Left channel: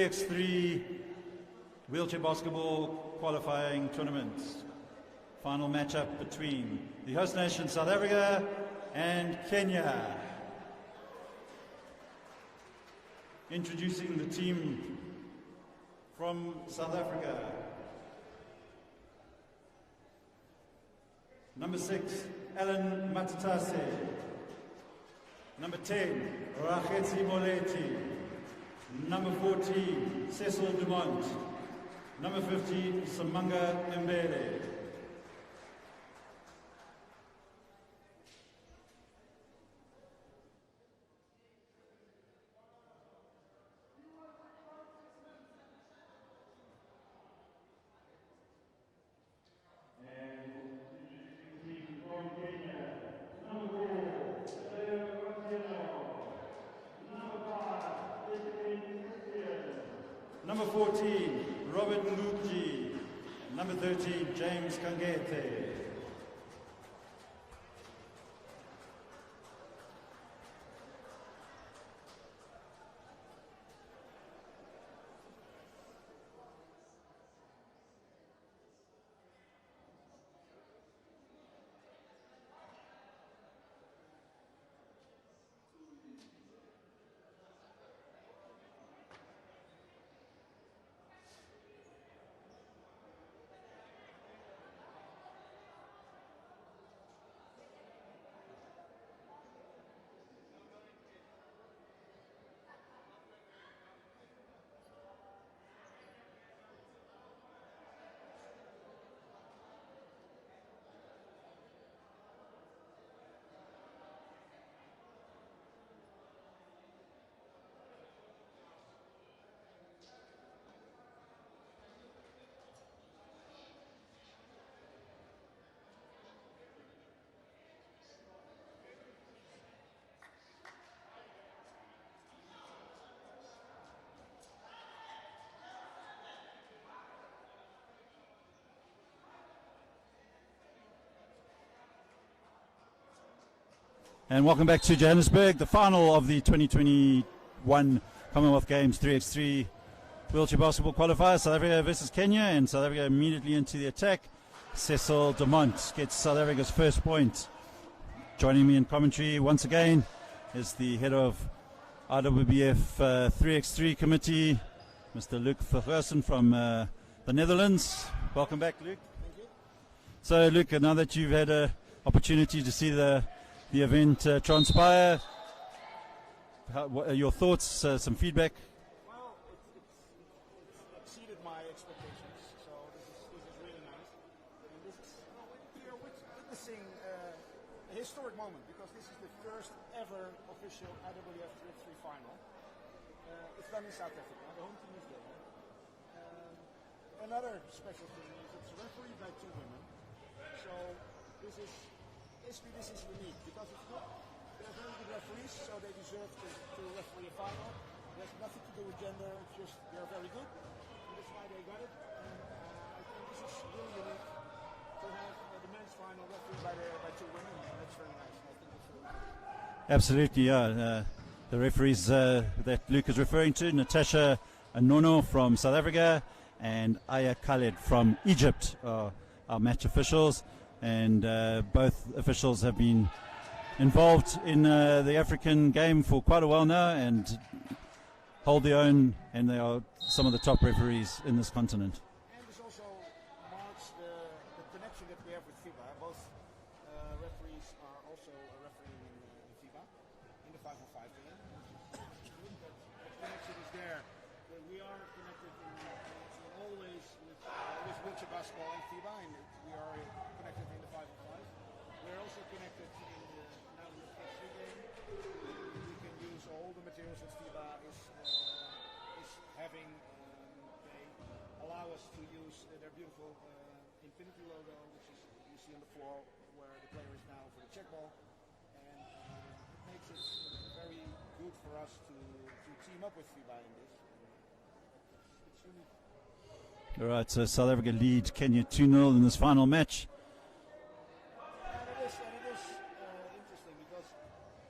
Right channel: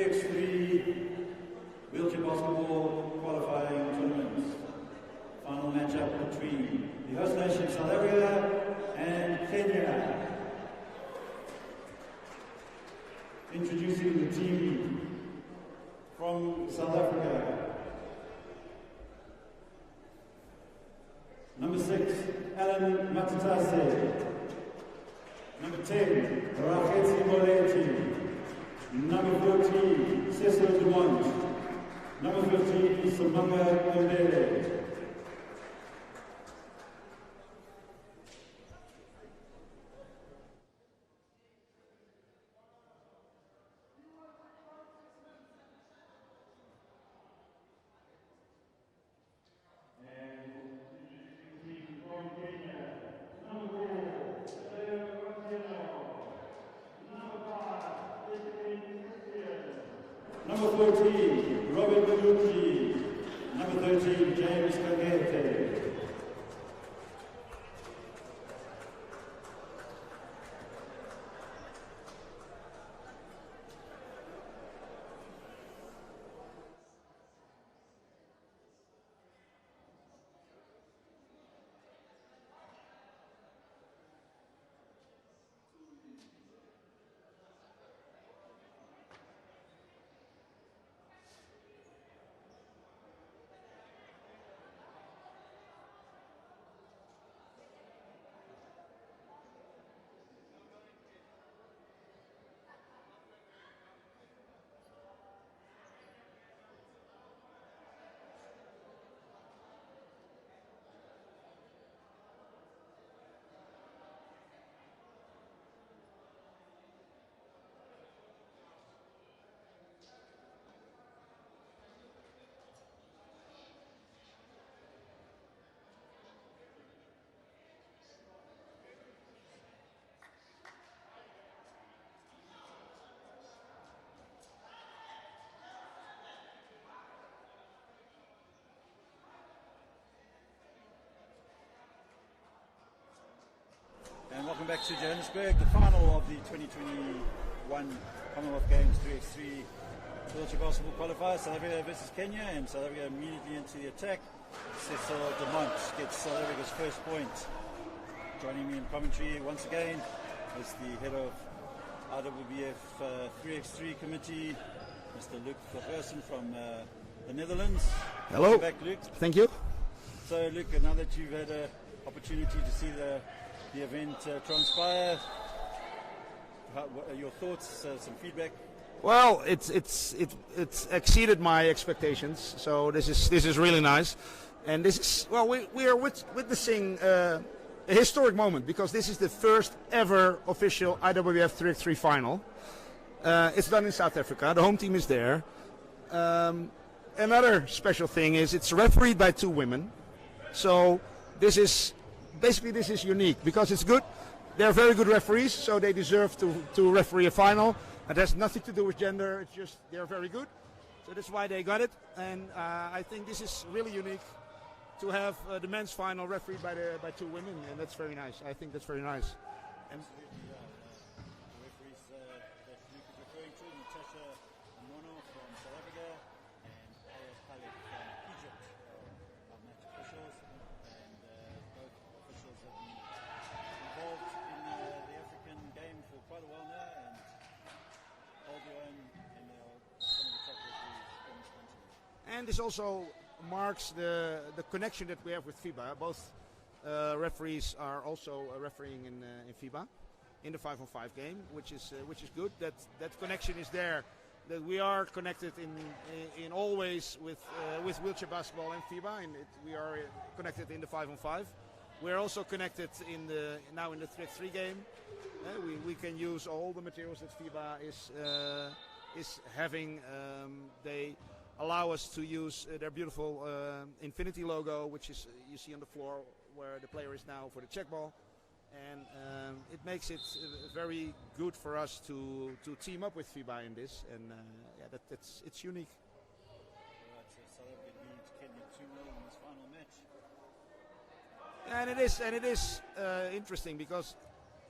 3x3 wheelchair basketball qualifying tournaments. Final matchup between the host nation South Africa and Kenya. Introducing the team from South Africa. Number 6, Alan Matutase. Number 10, Rachetsi Moleti. Number 14, Cecil Dumont. Number 15, Samanga Mbele. Number 14, Robert Luigi. Number 13, James Kagete. And welcome back to Johannesburg, the final of the 2021 Commonwealth Games 3x3 wheelchair basketball qualifiers. South Africa versus Kenya, and South Africa immediately into the attack. Cecil Dumont gets South Africa's first point. Joining me in commentary once again is the head of IWBF 3x3 committee, Mr. Luc Vergersen from the Netherlands. Hello. Welcome back, Luc. Thank you. So, Luc, now that you've had an opportunity to see the event transpire, what are your thoughts, some feedback? Well, it's exceeded my expectations, so this is really nice, and this is, well, we are witnessing a historic moment, because this is the first ever official IWF 3x3 final. It's done in South Africa. The home team is there. Another special thing is it's refereed by 2 women, so this is unique because it's good. They're very good referees, so they deserve to referee a final. It has nothing to do with gender. It's just they're very good, so that's why they got it. And I think this is really unique to have the men's final refereed by 2 women, and that's very nice. I think that's very nice. Absolutely, yeah. The referees that Luc is referring to, Natasha Anono from South Africa and Aya Khaled from Egypt, are match officials. And both officials have been involved in the African game for quite a while now and hold their own, and they are some of the top referees in this continent. And this also marks the connection that we have with FIBA. Both referees are also refereeing in FIBA in the 5-on-5 game, which is good. That connection is there. That we are connected in always with wheelchair basketball in FIBA, and we are connected in the 5-on-5. We're also connected now in the 3x3 game. We can use all the materials that FIBA is having. They allow us to use their beautiful Infinity logo, which is you see on the floor where the player is now for the check ball. And it makes it very good for us to team up with FIBA in this, and it's unique. All right, so South Africa lead Kenya 2-0 in this final match. And it is interesting because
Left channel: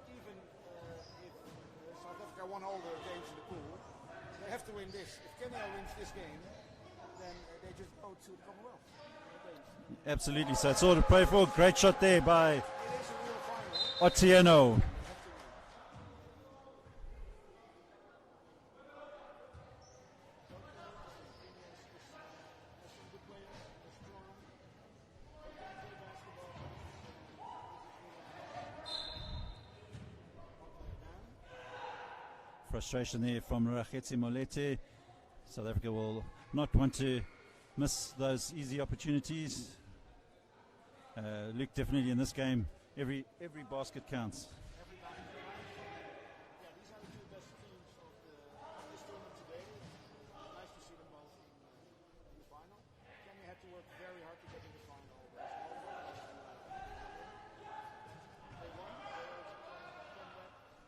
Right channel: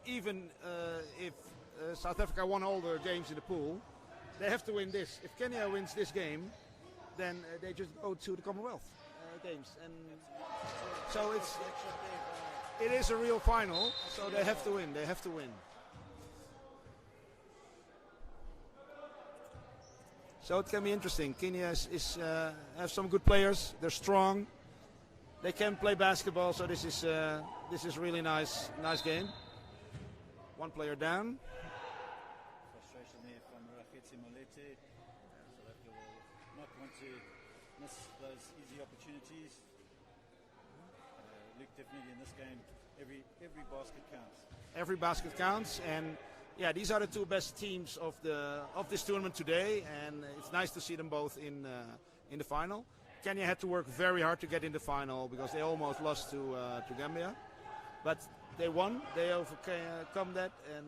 even if South Africa won all their games in the pool, they have to win this. If Kenya wins this game, then they just go to the Commonwealth games. And Absolutely, so it's all to play for. Great shot there by it is a real final. Otieno. They have to win. So it can be interesting. Kenya have some good players. They're strong. They can play basketball. So this is really nice game. One player down. Frustration there from Rakhetsi Molete. South Africa will not want to miss those easy opportunities. Luke, definitely in this game, every basket counts. Every basket counts, and yeah, these are the two best teams of this tournament today, and it's nice to see them both in the final. Kenya had to work very hard to get in the final because they almost lost to Gambia, but they won. They overcome that, and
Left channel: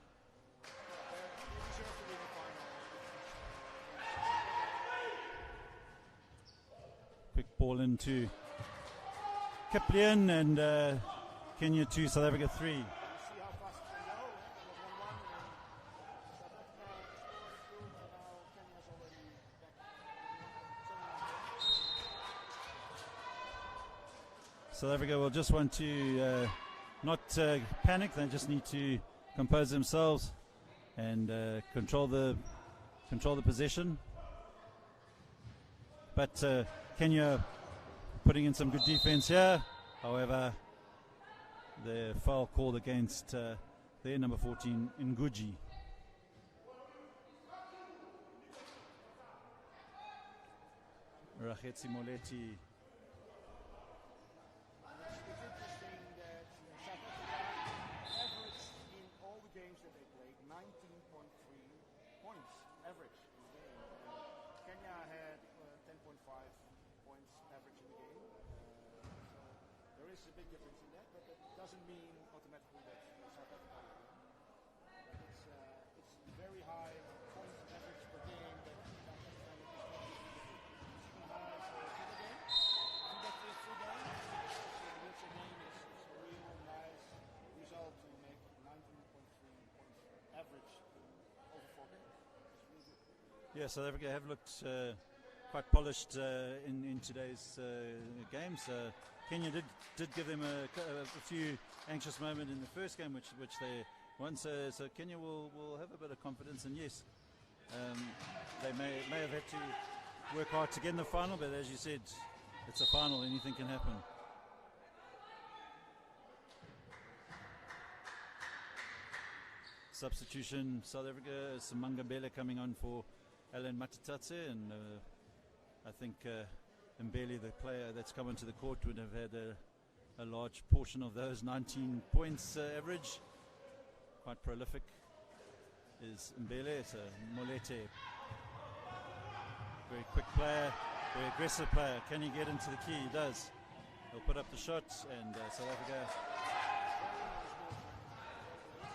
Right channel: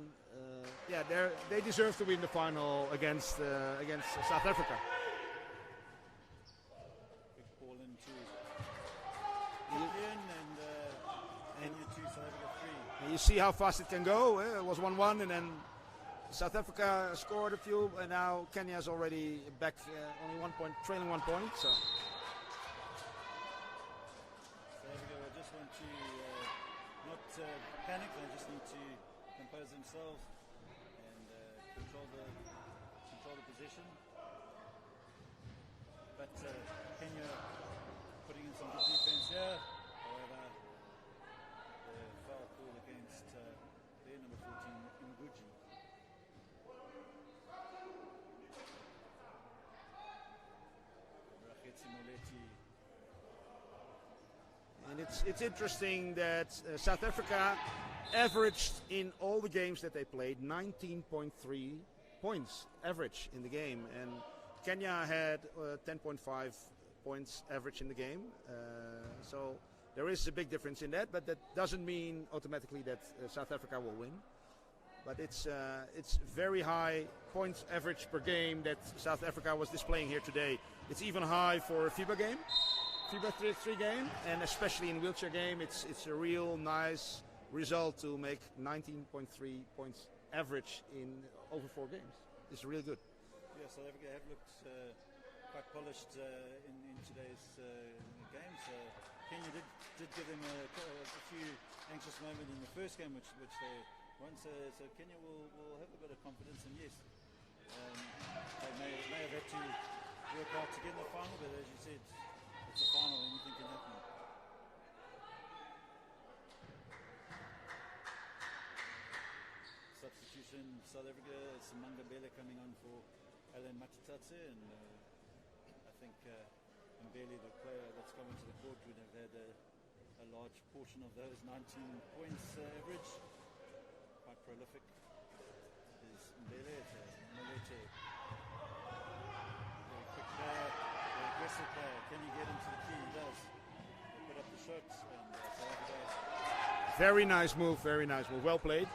yeah, they deserve to win the final against South Africa. Quick ball into Kiplian, and Kenya 2, South Africa 3. And you see how fast it can go. It was 1-1, and then South Africa scored a few, and now Kenya is already back, only 1 point, trailing 1 point. So South Africa will just want to not panic. They just need to compose themselves and control the possession. But Kenya putting in some good defense here. However, the foul called against their number 14, Nguji. Rakhetsi Moleti. And it's interesting that South Africa averaged in all the games that they played 19.3 points average in the game, and Kenya had 10.5 points average in the game. So there is a big difference in that, but that doesn't mean automatically that South Africa will win. But it's very high points average per game that South Africa was displaying here today. It's even high for a FIBA game. FIBA 3 game, and especially in wheelchair game, it's a real nice result to make 19.3 points average in over 4 games. It's really good. Yeah, South Africa have looked quite polished in today's games. Kenya did give them a few anxious moments in the first game, which they won. So Kenya will have a bit of confidence, and yes, they may have had to work hard to get in the final, but as you said, it's a final, anything can happen. Substitution, South Africa, Simanga Mbele coming on for Alan Matitatse, and I think Mbele, the player that's come into the court, would have had a large portion of those 19 points average. Quite prolific is Mbele. It's a Molete, very quick player, very aggressive player. Can he get into the key? He does. He'll put up the shots, and South Africa. Very nice move, well played.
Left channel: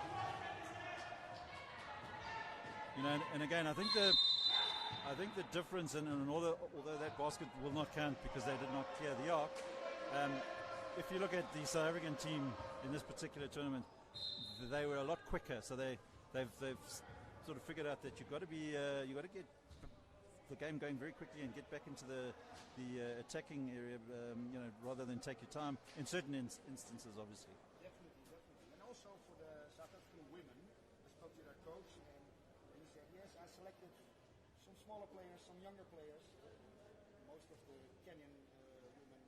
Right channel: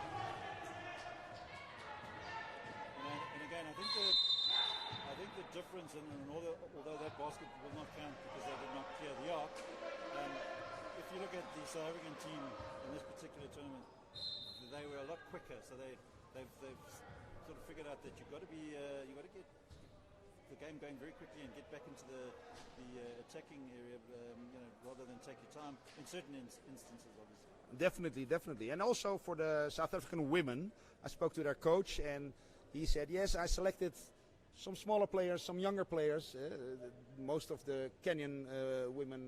You know, and again, I think the difference, and although that basket will not count because they did not clear the arc, if you look at the South African team in this particular tournament, they were a lot quicker. So they've sort of figured out that you've got to get the game going very quickly and get back into the attacking area, rather than take your time in certain instances, obviously. Definitely, and also for the South African women, I spoke to their coach, and he said, yes, I selected some smaller players, some younger players. Most of the Kenyan women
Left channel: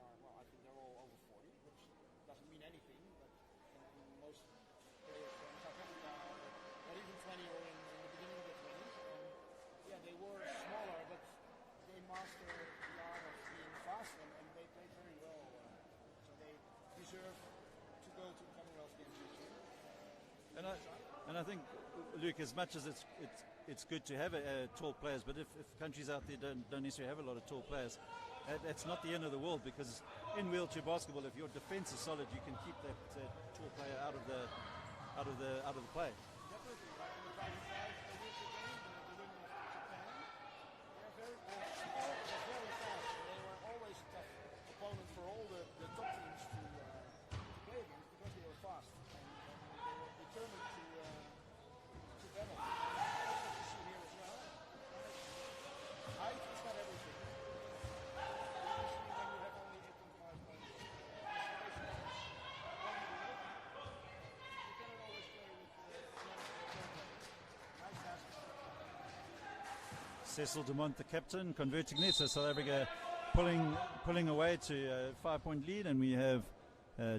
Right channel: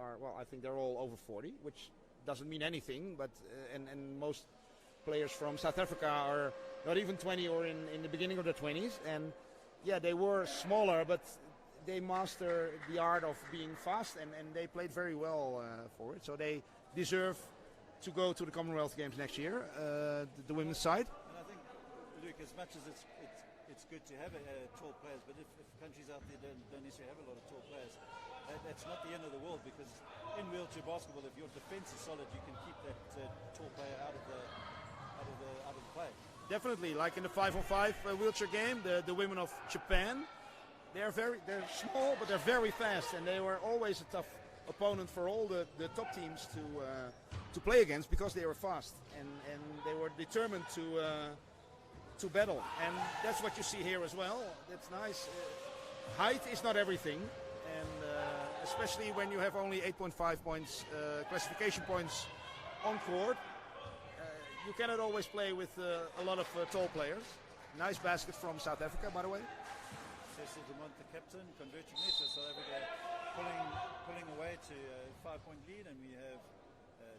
are, well, I think they're all over 40, which doesn't mean anything, but and most players from South Africa are not even 20 or in the beginning of their 20s, and yeah, they were smaller, but they master the art of being fast, and they played very well for it. So they deserve to go to the Commonwealth Games next year, the women's side. And I think, Luke, as much as it's good to have tall players, but if countries out there don't necessarily have a lot of tall players, that's not the end of the world, because in wheelchair basketball, if your defense is solid, you can keep the tall player out of the play. Definitely, like in the 5-on-5 wheelchair game, the women of Japan, they're small, but they're very fast, and they were always a tough opponent for all the top teams to play against, because they were fast, and they were determined to to battle, and that's what you see here as well. That's nice. Height is not everything, and especially when you have only 8.5 points classification points on court, you cannot always play with a lot of tall players. Nice basket from South Africa, by the way. Cecil Dumont, the captain, converting it. So South Africa pulling away to a 5-point lead, and we have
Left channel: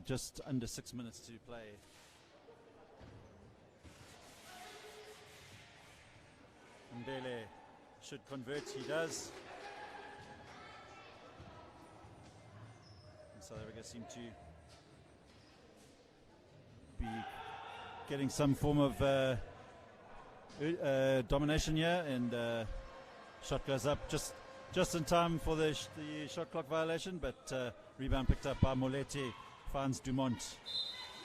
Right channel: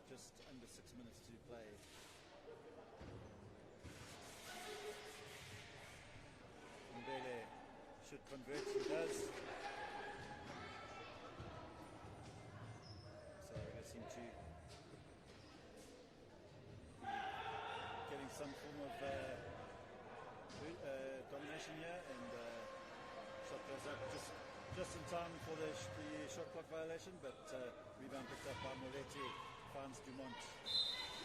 just under 6 minutes to play. Mbele should convert, he does. South Africa seem to be getting some form of domination here, and shot goes up just in time for the shot clock violation, but rebound picked up by Moletti, finds Dumont.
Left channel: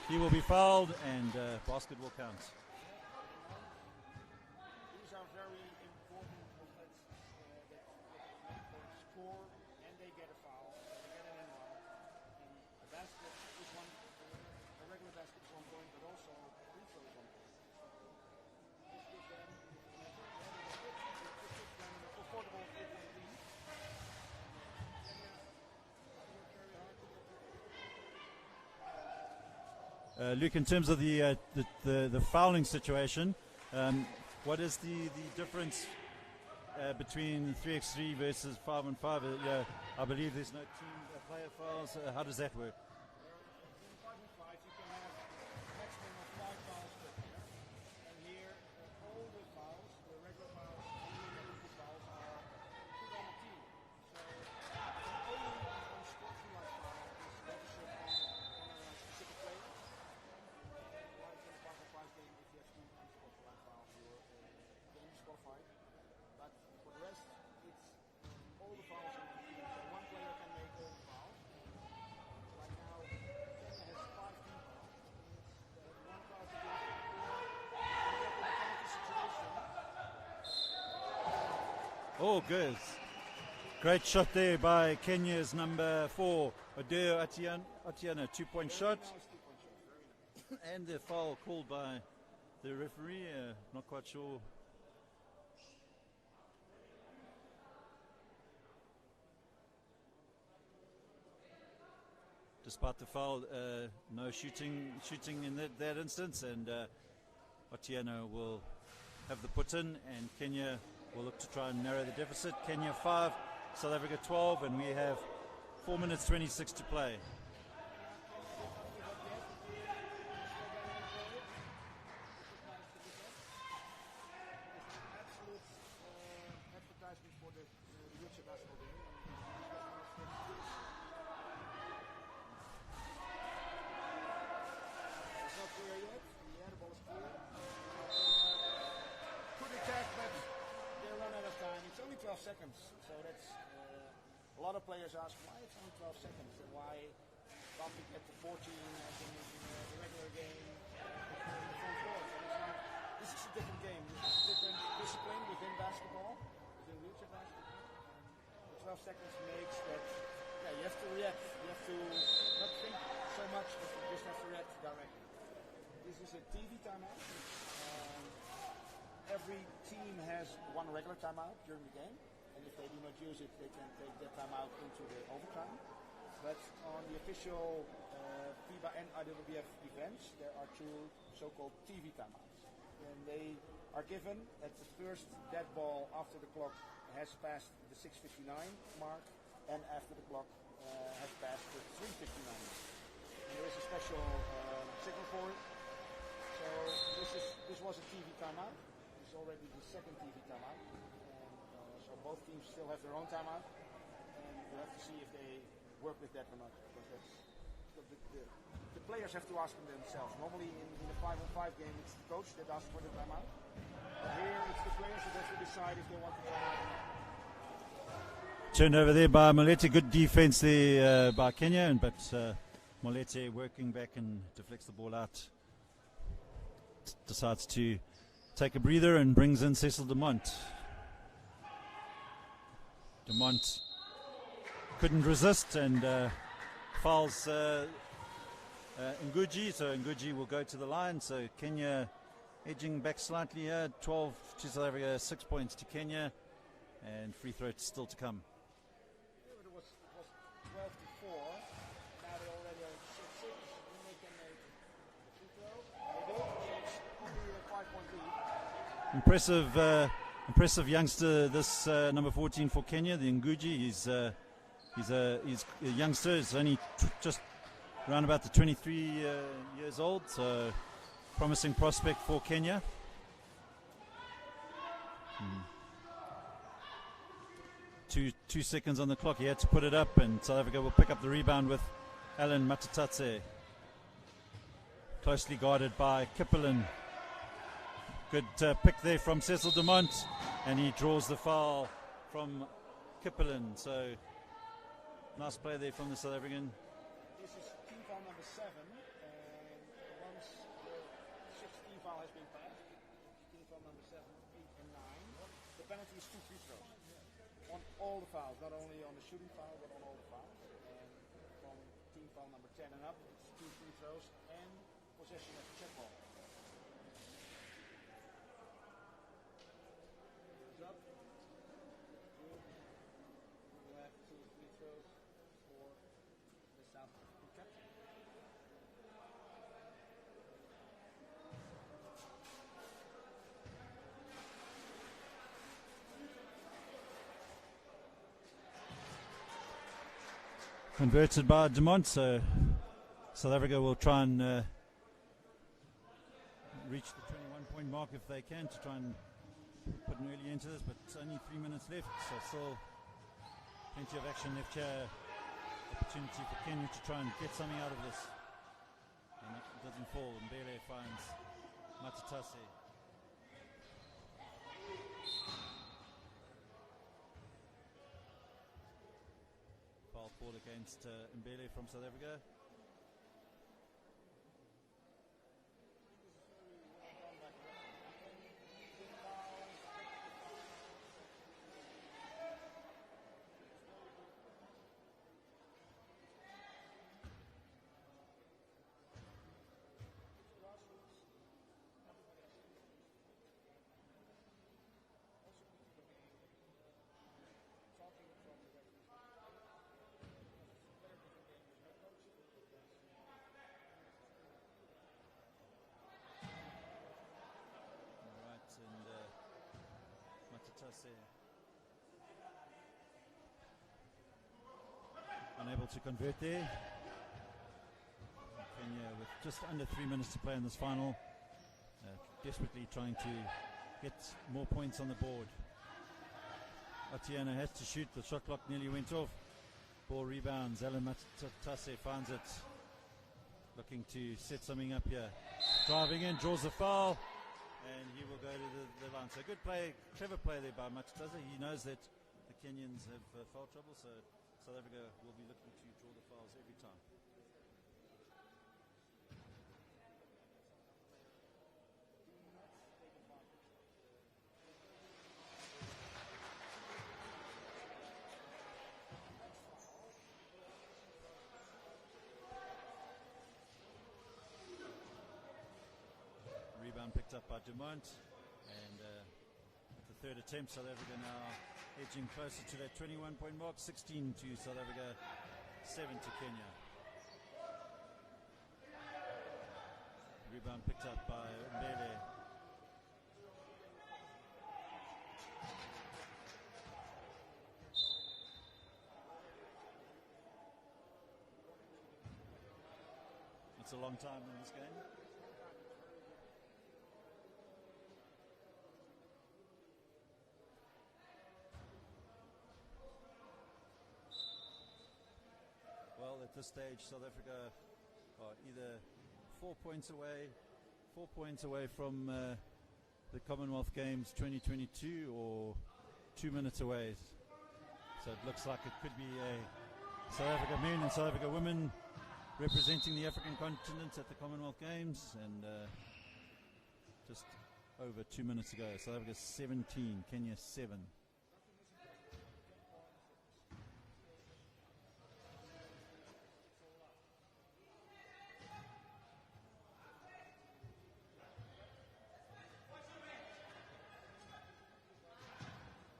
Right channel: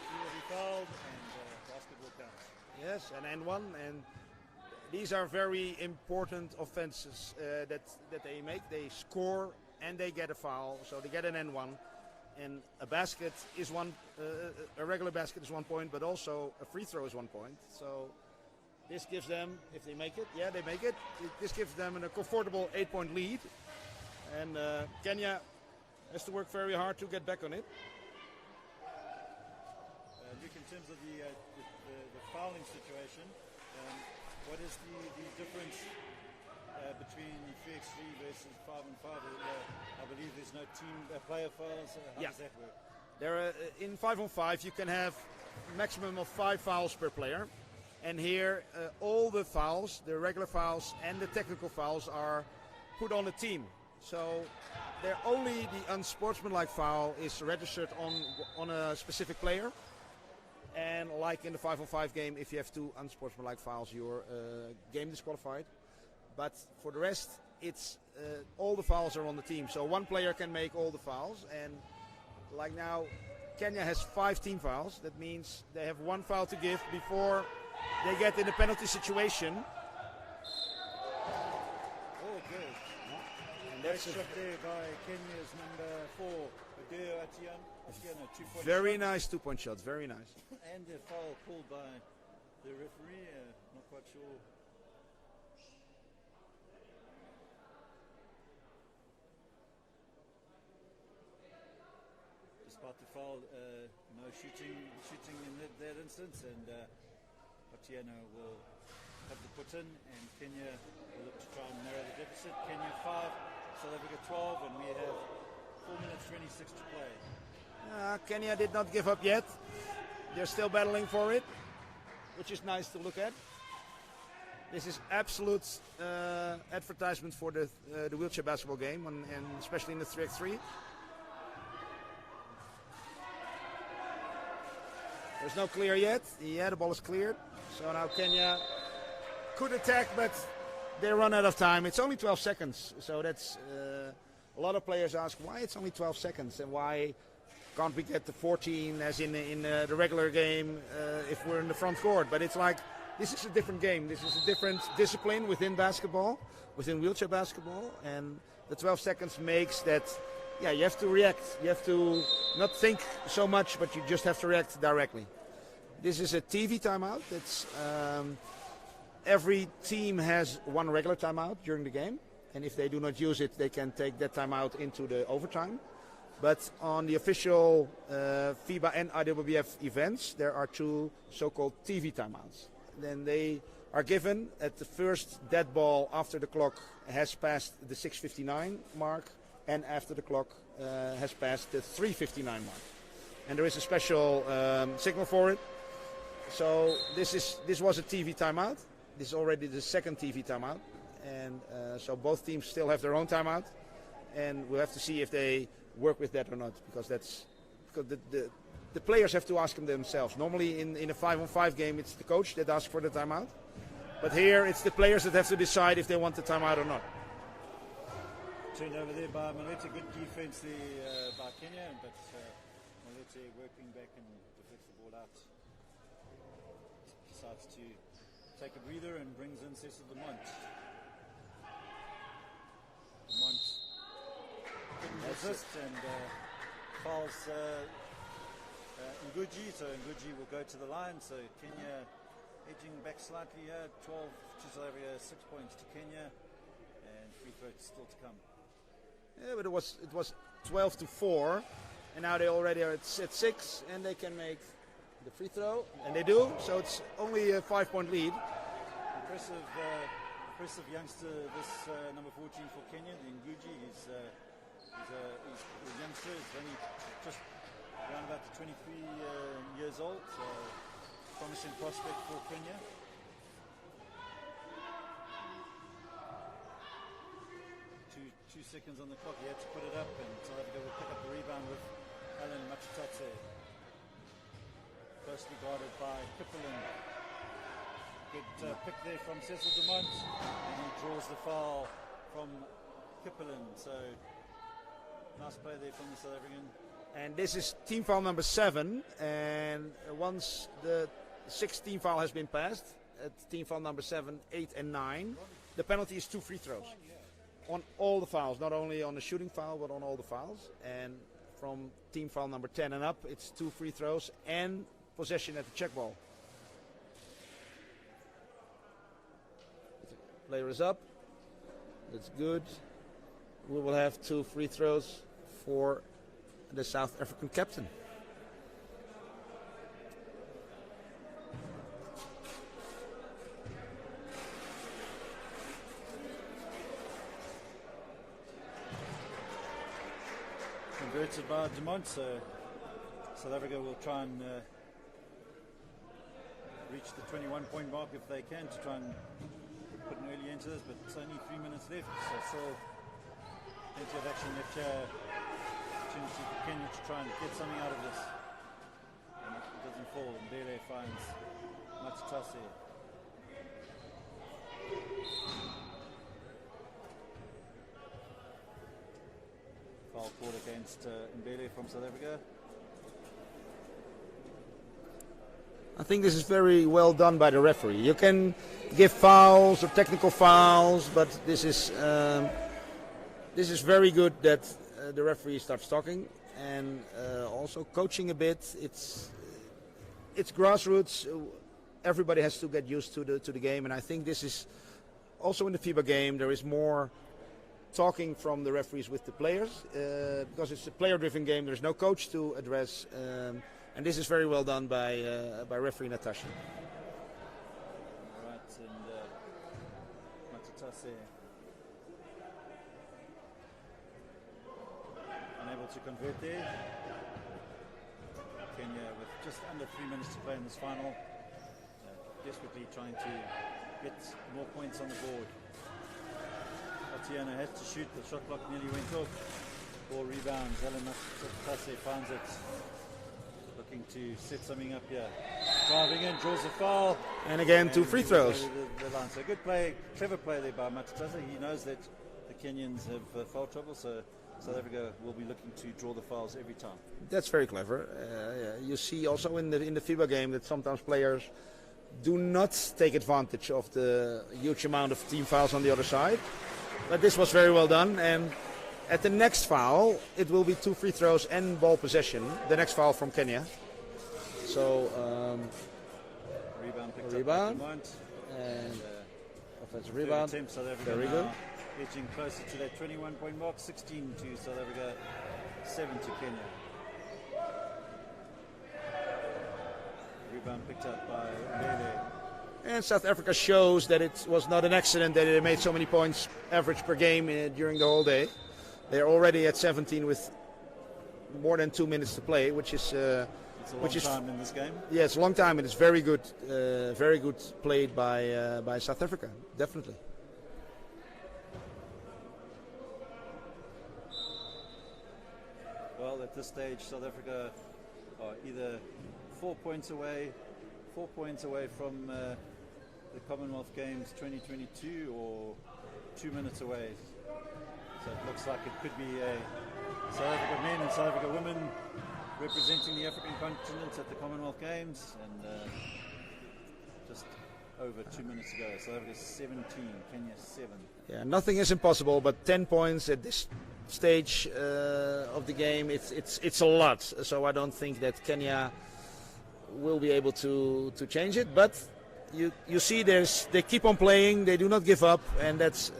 He will be fouled, and basket will count. Yes, an N1, and these are very important offenses that they make. They score and they get a foul, so they get an N1. And a basket is a regular basket is 1 point, but also a free throw is 1 point. So this gives them, if they make it, yeah, they make it. This gives them a comfortable 8-point lead. And Kenya has to work very hard to get back on it. Luke, in terms of the fouling situation, what is the difference between 3x3 versus 5-on-5? I believe there's no team player fouls. How does that work? In 5-on-5 you can have a maximum of 5 fouls per player, and here all the fouls, the regular fouls and the technical fouls, are put on the team. So only the unsportsmanlike foul is registered on a specific player. And like in the 5-on-5 game, if you have 2 unsportsmanlike fouls, you're game disqualified. But for the rest, it's all the fouls are on the team. So one player can make all the fouls. And like now, Kenya has 5 team fouls. That means they have 1 foul to give before they get in the penalty situation. Oh, good. Great shot there by Kenya's number 4, Adeo Atiana, 2-point shot. Very nice 2-point shots, very nice. And the foul called by the referee, not quite sure. Despite the foul, no shooting in that instance, and Atiana will have the put in, and Kenya will look to try and narrow the deficit. Kenya 5, South Africa 12, and we have 4 minutes 26 to play. Kenya did not give up yet. They're still battling for it, which is nice to look at. This is absolute advertisement for the wheelchair basketball game, and especially in the 3x3. There's no clear yet. Yeah, the ball is cleared. So now Kenya could attack, but they run out of time. It's only 12 seconds. So that's a lot of players ask why it's only 12 seconds and why can't we get the 14 as in the regular game if we're in the front court. But it's like, this is a different game. This is a different discipline within basketball, within wheelchair basketball. And the 12 seconds makes that, yeah, you have to react. You have to not think so much, but you just have to react directly. This is a TV timeout. It's every team has 1 regular timeout during the game, and if they do not use it, they can take that timeout into the overtime. But on the official FIBA and IWBF events, there are 2 so-called TV timeouts. Then they are given at the first dead ball after the clock has passed the 6:59 mark, and after the clock has passed the 3:59 mark. And there is a special signal for it. So this was a TV timeout. This is already the second TV timeout. And so both teams still have their own timeout. And we'll have to see if they work with that or not, because the players have to ask them themselves. Normally in a 5-on-5 game, it's the coach that asks for the timeout. But here it's the players that have to decide if they want the timeout or not. Turnover there by Moletti. Good defense there by Kenya, but Moletti working back and deflects the ball out. Decides to take a breather and brings in Cecil Dumont. Dumont couldn't resist and fouls Nguji, so Nguji will go to the line. So Kenya edging back slightly here. 12 to South Africa, 6 points to Kenya, and free throw still to come. Yeah, but it was 12 to 4, and now they already are at 6, and they can make the free throw, and they do. So it's only a 5-point lead. Impressive youngster, this number 14 for Kenya, the Nguji. He's a youngster. He's only just around about the 23 years old. So promising prospect for Kenya. Two seconds on the clock. He had to put it up, and South Africa will pick up the rebound with Alan Matatatse. Closely guarded by Kippelan. Good pick there from Cecil Dumont, and he draws the foul from Kippelan. So nice play there from the South African. And this is team foul number 7, and once the 6th team foul has been passed, at team foul number 7, 8, and 9, the penalty is 2 free throws on all the fouls, not only on the shooting foul, but on all the fouls. And from team foul number 10 and up, it's 2 free throws and possession at the check ball. Player is up. That's good. We will have 2 free throws for the South African captain. Converted by Dumont, so South Africa will try and reach the 21-point mark if they can, to try and put an early into this, but it's only 3 minutes left, so still plenty of action left here. Opportunity for Kenya to try and get something out of this, and it doesn't fall. Mbele finds Matatase. Foul called against Mbele from South Africa. I think this is very well done by the referee. You can give fouls or technical fouls, but this is very good that the referee starts talking and also coaching a bit. It's grassroots. Everybody has to get used to the game, and I think this is also in the FIBA game. There is more talking from the referees with the players because it's a player-driven game. There's no coach to address. And this is very well done by referee Natasha. All right, and Matatase unable to convert there. Kenya with just under 3 minutes to play in this final, desperately trying to get more points on the board. Atiana has to shoot. The shot clock nearly went off. Ball rebounds. Alan Matatase finds it. Looking to set something up here. Driving in, draws a foul. And again, 2 free throws. The line. So good play, clever play there by Matatase. He knows that the Kenyans have foul trouble, so South Africa will be looking to draw the fouls every time. That's very clever. You see also in the FIBA game that sometimes players do not take advantage of the huge amount of team fouls on the other side. But this was very well done. And at the next foul, it will be 2 free throws and ball possession. The next foul from Kenya. So, rebound and offensive rebound. Very good. Edging closer to that 21-point mark. 16 to South Africa, 7 to Kenya. Rebound picked up by Mbele. And South Africa shows that it was not an accident that they made so many points average per game during the whole day. They're already at 17 with more than 2 minutes to play, which is it's a long time in this game. Yeah, it's a long time, and it's very good played by South Africa, definitely. Well, at this stage, South Africa are either 4 points away from the Commonwealth Games 2022, or 2 minutes away. So it looks like it could be a South Africa men and South Africa women representing the African continent at the Commonwealth Games, and just over 2 minutes ago. South Africa 17, Kenya 7. Yeah, nothing is impossible, but 10 points at this stage of the game, it's a lot. So I don't think that Kenya will be able to change it, but you see they keep on playing, they do not give up, and that's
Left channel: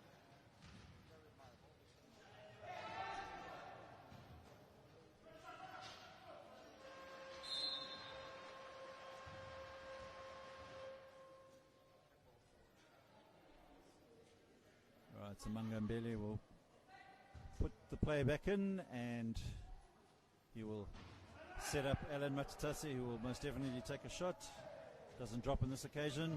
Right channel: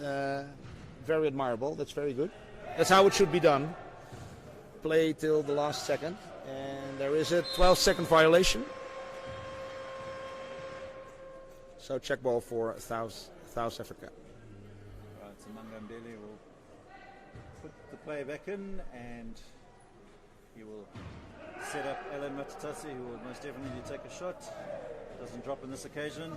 very admirable. That's very good. That's how it should be done. Play till the last second, and there is a 12-second violation. So check ball for South Africa. Right, so Mangambeli will put the player back in, and he will set up Alan Matutasi, who will most definitely take a shot. Doesn't drop on this occasion.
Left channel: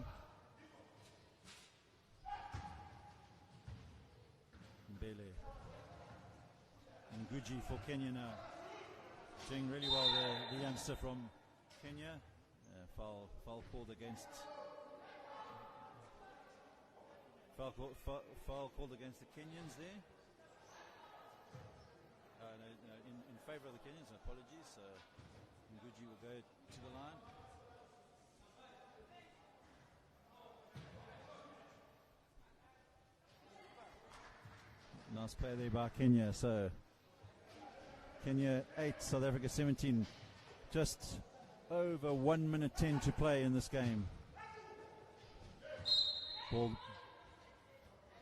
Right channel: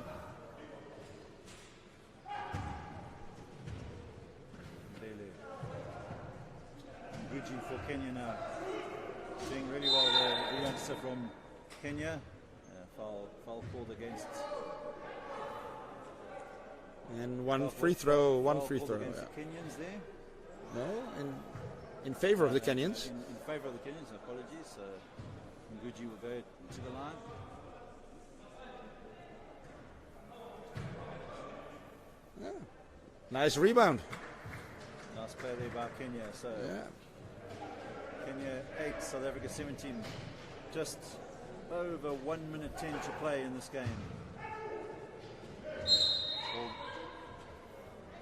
Mbele. And Guji for Kenya now. Doing really well there. The youngster from Kenya. Foul called against. And one free throw. Against the Kenyans there. No, in favor of the Kenyans. In favor of the Kenyans, apologies. Nguji will go to the line. Yeah. Nice rebound. Nice play there by Kenya. So Kenya 8, South Africa 17. Just over 1 minute 10 to play in this game.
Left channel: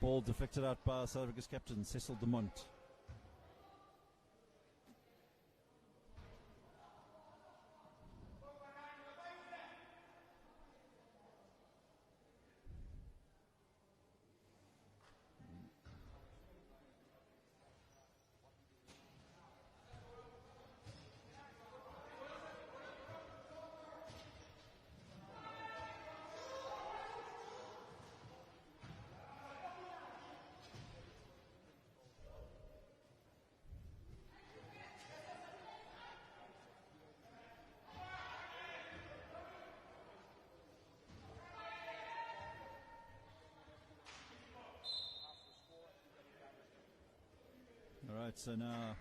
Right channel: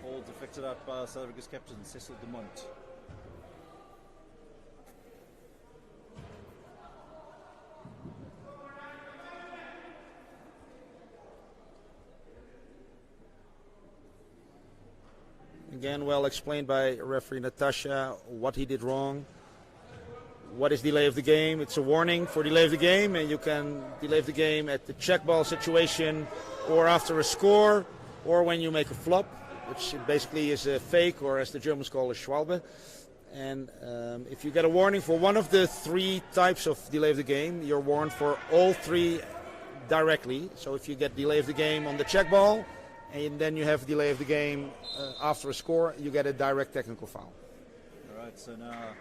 Ball deflected out by South Africa's captain, Cecil Dumont. Again, well explained by referee Natasha what he did wrong. What is delay of the game? It's a warning for delay of the game, and you can delay of the game at the check ball situation, or after a score, or when you make a flop, which basically is a fake, or as the Germans call a Schwalbe. And if you get a warning for one of the 3 types of delay of the game, you're warned for all 3 directly. So if you get delay of the game on the check ball, and then you have delay of the game after a score, you get a direct technical foul. All right, so now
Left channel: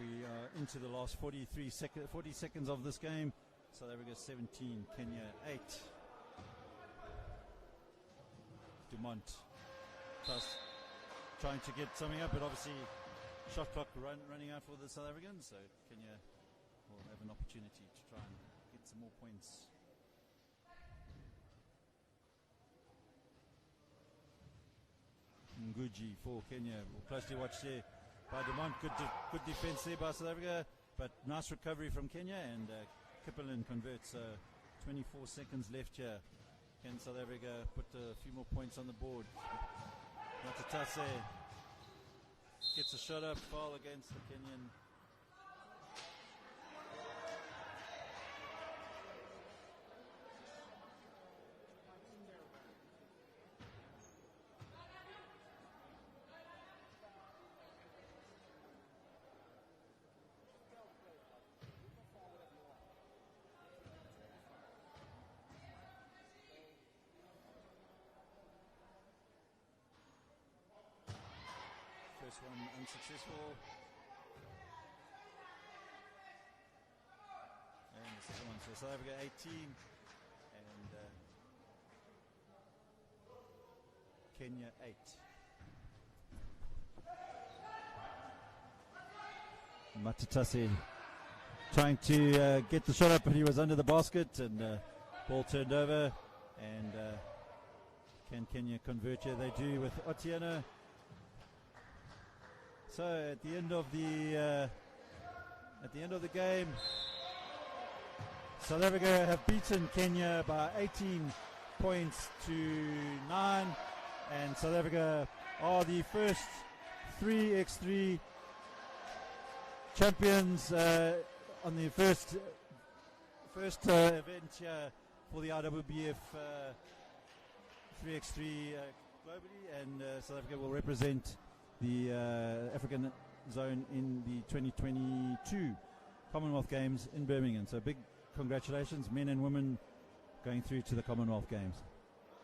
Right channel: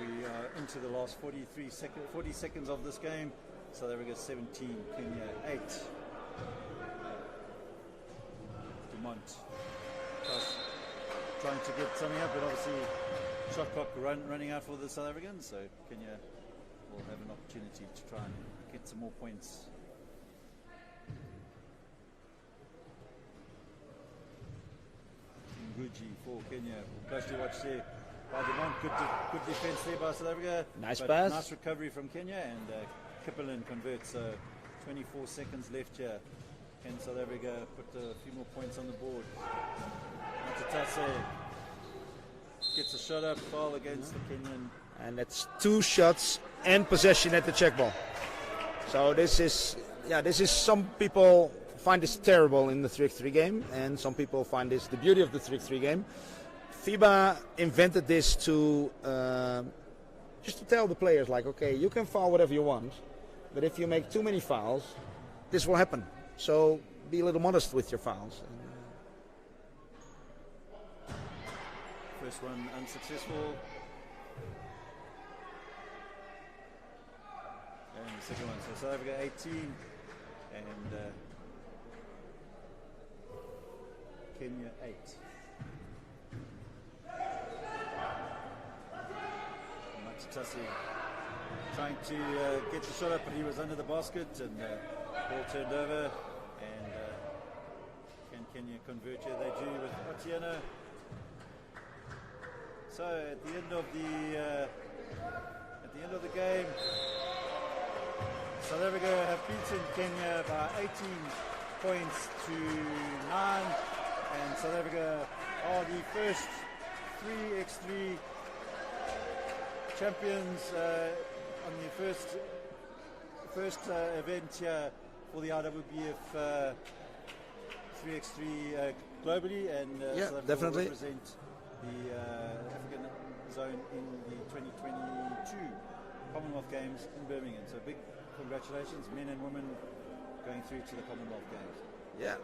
we are into the last 40 seconds of this game. South Africa 17, Kenya 8. Dumont trying to get something up, but obviously shot clock running out for the South Africans, so Kenya will have an opportunity to try and get some more points. Nguji for Kenya. Closely watched there by Dumont. Good defense there by South Africa. Nice pass. Nice recovery from Kenya, and Kipelin converts. 24 seconds left here. Can South Africa put a few more points on the board? Matutase gets a shot up, foul against the Kenyan. And that's 2 shots and possession at the check ball. So this is some people find this terrible in the 3x3 game, and some people find this the beauty of the 3x3 game. FIBA invented this to just to tell the players, like, okay, you can foul whatever you want, but if you make too many fouls, this will happen. So be a little modest with your fouls. First one unsuccessful. And the second one, so South Africa 18 and Kenya 8. Matutasi trying to get the shot up, but he was under the basket, and ball turned over. And can Kenya convert here? They do with Otieno. So at the end of the game, South Africa have beaten Kenya by 18 points to 9, and South Africa are the first 3x3 champions on the first event here for the IWBF 3x3 globally, and South Africa definitely will represent the African zone in the 2022 Commonwealth Games in Birmingham. So big congratulations, men and women, going through to the Commonwealth Games. Yeah.